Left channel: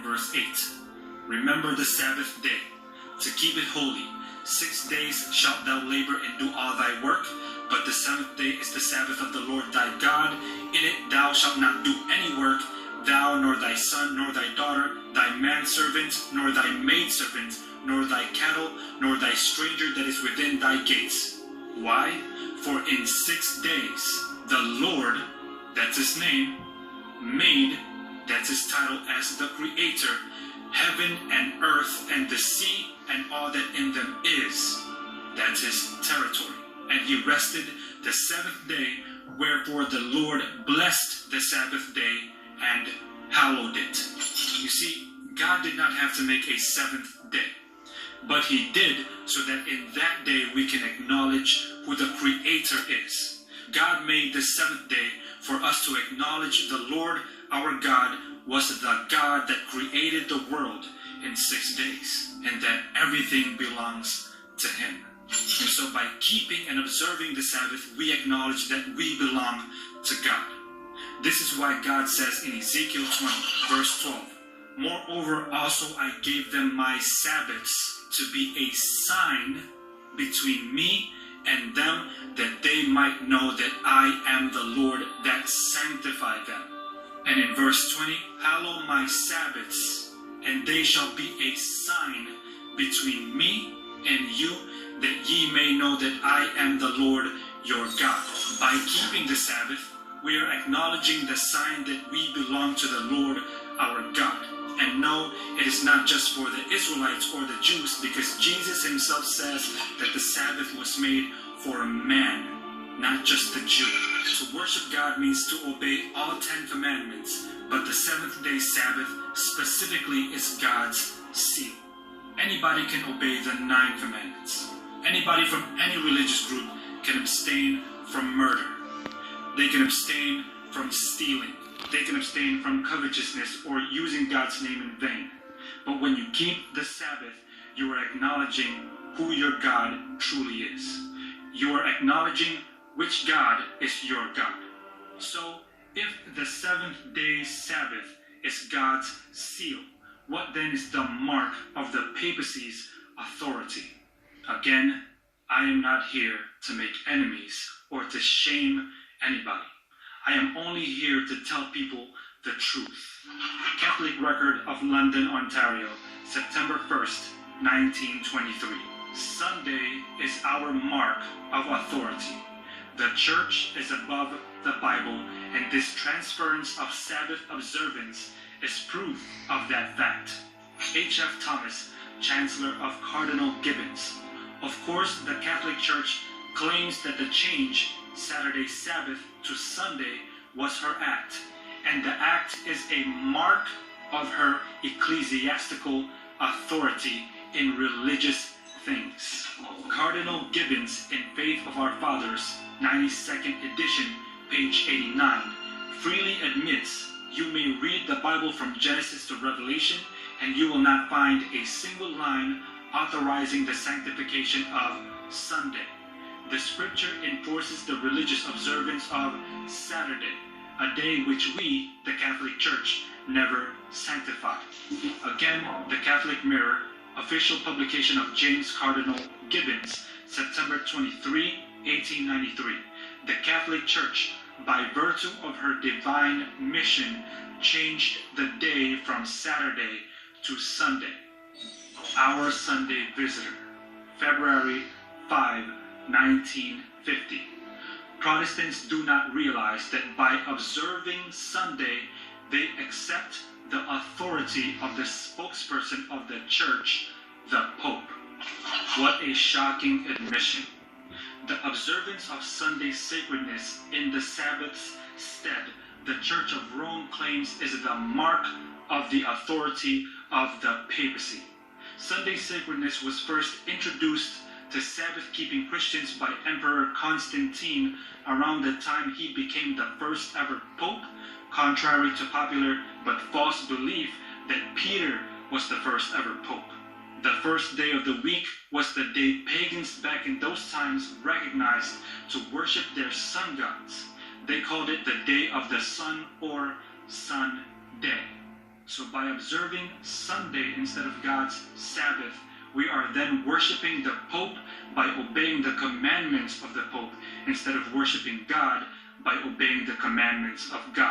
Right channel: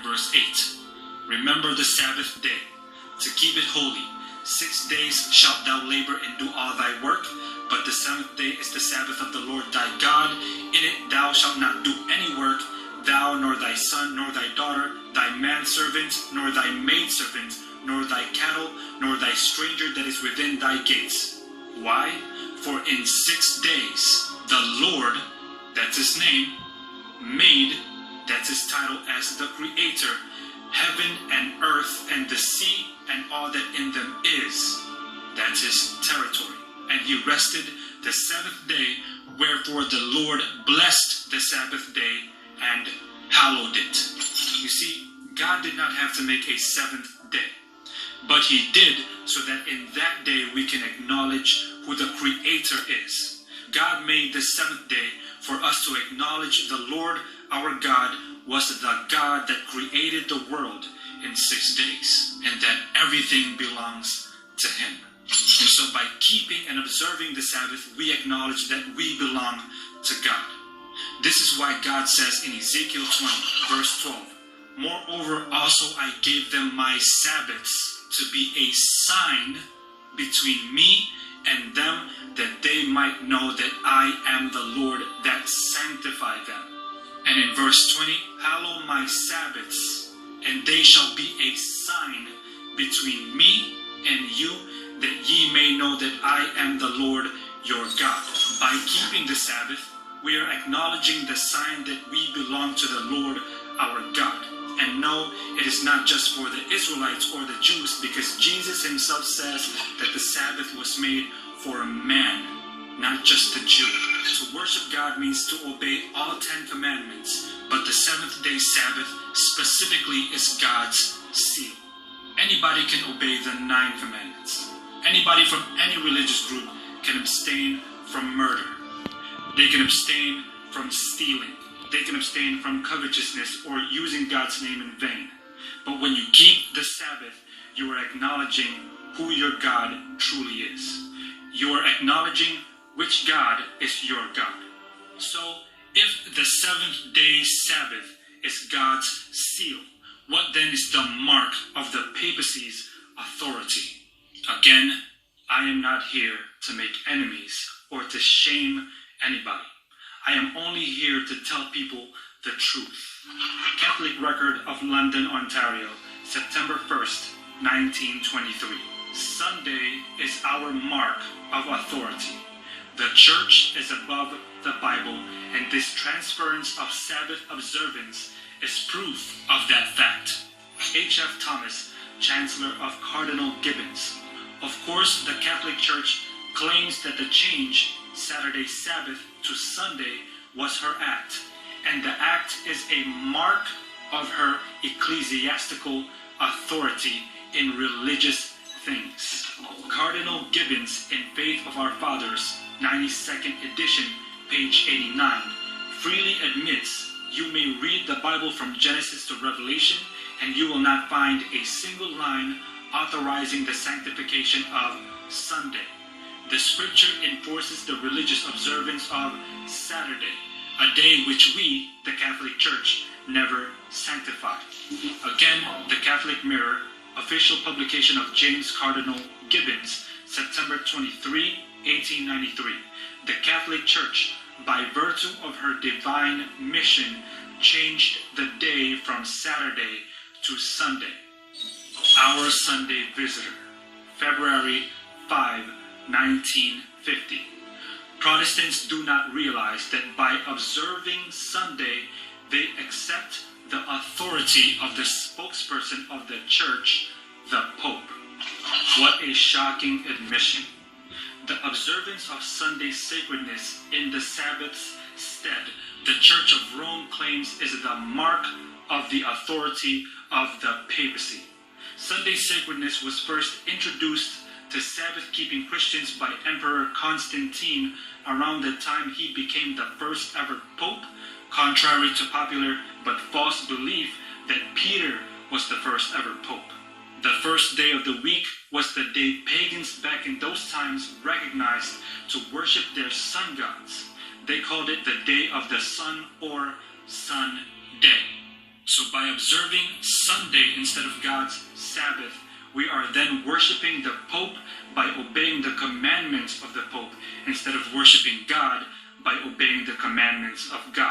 from verse 8. Remember the Sabbath day, to keep it holy. 6 days shalt thou labor and do all thy work, but the 7th day is the Sabbath of the Lord thy God. In it thou shalt not do any work, thou, nor thy son, nor thy daughter, thy manservant, nor thy maidservant, nor thy cattle, nor thy stranger that is within thy gates. Why? For in 6 days the Lord, that's his name, made, that's his title as the Creator, heaven and earth and the sea and all that in them is, that's his territory. And he rested the 7th day, wherefore the Lord blessed the Sabbath day and hallowed it. You see, God did not have to make a 7th day, but he did so that in that day we can acknowledge who the Creator is. God made the 7th day for us to acknowledge the Lord our God was the God that created the world in 6 days, and that everything belongs to him. And so by keeping and observing the Sabbath, we acknowledge that we belong to God. This is why God says in Ezekiel 20, verse 12, Moreover also I gave them my Sabbaths to be a sign between me and them, that they might know that I am the Lord that sanctified them. And in verse 20, Hallow my Sabbaths, and they shall be a sign between me and you, that ye may know that I am the Lord your God. By keeping the Sabbath, we are acknowledging the sign that we belong to the Lord our God. And no, it is not just for the Israelites or the Jews, because Jesus himself says that the Sabbath was made for man, not just the Jew. To worship God means to obey all 10 commandments, but the 7th day Sabbath specifically is God's seal. Anybody can obey the 9 commandments. Anybody from any religious group can abstain from murder. They can abstain from stealing. They can abstain from covetousness or using God's name in vain. But when you keep the Sabbath, you are acknowledging who your God truly is. You are acknowledging which God is your God. So, if the 7th day Sabbath is God's seal, what then is the mark of the papacy's authority? Again, I am not here to make enemies or to shame anybody. I am only here to tell people the truth. Catholic Record of London, Ontario, September 1st, 1923. Sunday is our mark of authority. The church is above the Bible, and this transference of Sabbath observance is proof of that fact. H.F. Thomas, Chancellor of Cardinal Gibbons. Of course, the Catholic Church claims that the change, Saturday Sabbath to Sunday, was her act, and the act is a mark of her ecclesiastical authority in religious things. Cardinal Gibbons in Faith of Our Fathers, 92nd edition, page 89, freely admits you may read the Bible from Genesis to Revelation, and you will not find a single line authorizing the sanctification of Sunday. The scripture enforces the religious observance of Saturday, a day which we, the Catholic Church, never sanctified. Again, the Catholic Mirror, official publication of James Cardinal Gibbons, September 23, 1893. The Catholic Church, by virtue of her divine mission, changed the day from Saturday to Sunday. Our Sunday Visitor, February 5, 1950. Protestants do not realize that by observing Sunday, they accept the authority of the spokesperson of the church, the Pope. What a shocking admission. The observance of Sunday sacredness in the Sabbath's stead, the Church of Rome claims is the mark of the authority of the papacy. Sunday sacredness was first introduced to Sabbath-keeping Christians by Emperor Constantine around the time he became the first ever pope, contrary to popular but false belief that Peter was the first ever pope. The first day of the week was the day pagans back in those times recognized to worship their sun gods. They called it the Day of the Sun or Sun Day. So by observing Sunday instead of God's Sabbath, we are then worshiping the Pope by obeying the commandments of the Pope instead of worshiping God by obeying the commandments of God.